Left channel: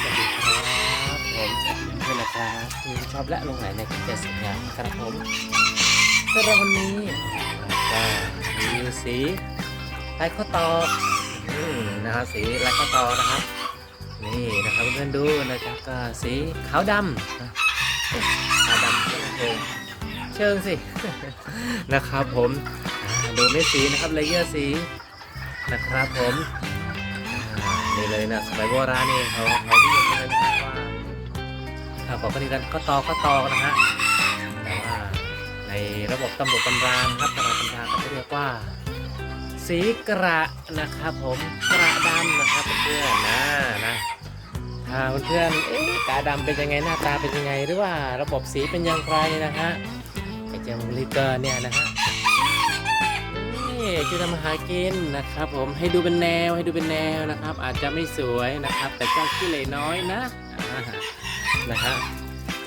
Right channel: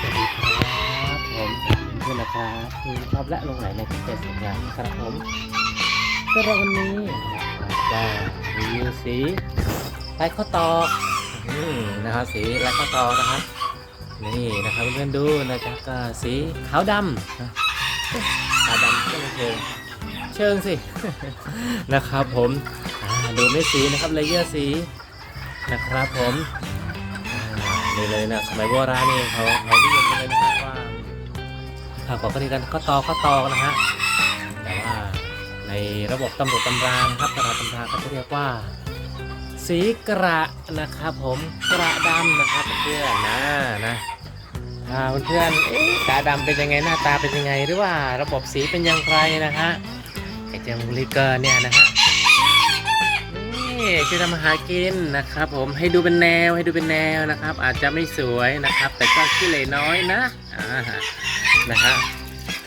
สวัสดีครับผมเพื่อนนะครับที่ชอบและลงไหลในกิจกรรมสวยงาครับผมสำหรับวันนี้นะครับก็รีวิวสีลายข้อต่อนะครับสีลายข้อต่อนะครับ นี่นะครับเพื่อนดูนะครับก็สีขาวดำนะขาวดำก็เชิงเชิงสินะครับผมดูเม็ดสีนะครับเลเยอร์สีนะครับผม นี่เลยนะสมัยโบราณนี่เขาเขานิยมกันเลยนะฮะว่าข่าวของคดีกันข้อต่อข้อต่อนะฮะแต่ว่าในระบบตำรวจตำรานะครับตำราตำราก็จะเรียกว่า สีกระนะครับผมกระดำนะครับเพื่อนๆนะนะถ้าเพื่อนเอ๊ะกระดำเป็นยังไงหน้าตาเป็นยังไง หรือว่าระบบสีเป็นอย่างไรนะฮะไอเจมลิเกอร์เนี่ยนะฮะ จะทำอาหากินนะครับผมให้ดูเป็นแนวให้ดูเป็นแนวนะครับ อาจจะไม่สวยนะครับ แต่ก็ขี้เหร่น้อยนะนะฮะ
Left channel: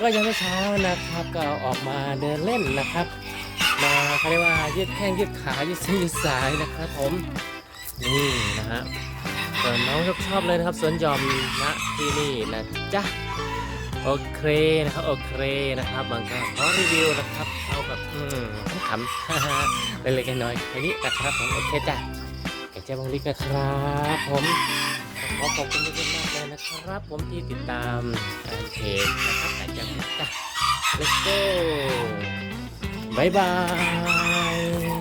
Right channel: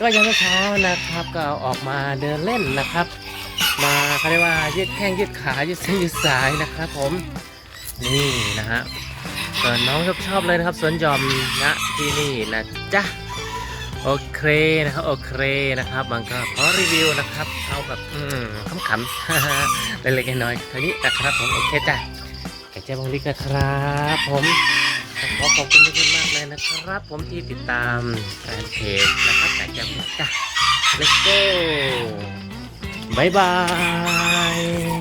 ก็ยังเช้านะครับก็ออกมาเดินเล่นนะครับ มาเขาเรียกว่ายืดแข้งยืดขายืดเส้นยืดสายนะครับผมนี่นะฮะส่วนน้องชอบชอบเลยนะครับสวนหยอมนะที่นี่นะจ๊ะ โอเคนะครับโอเคนะครับมันก็ขอรีวิวนะครับ เอาแบบอืมขำๆเล็กๆน้อยๆเท่านี้นะครับผมโอเคจ้ะแกเจ้าบงลิกนะครับผมขอขอบคุณทุกคนมากเลยนะครับ ผมที่ติดตามแฟนเพจนะครับแต่จะจ้ะ let's go บายบาย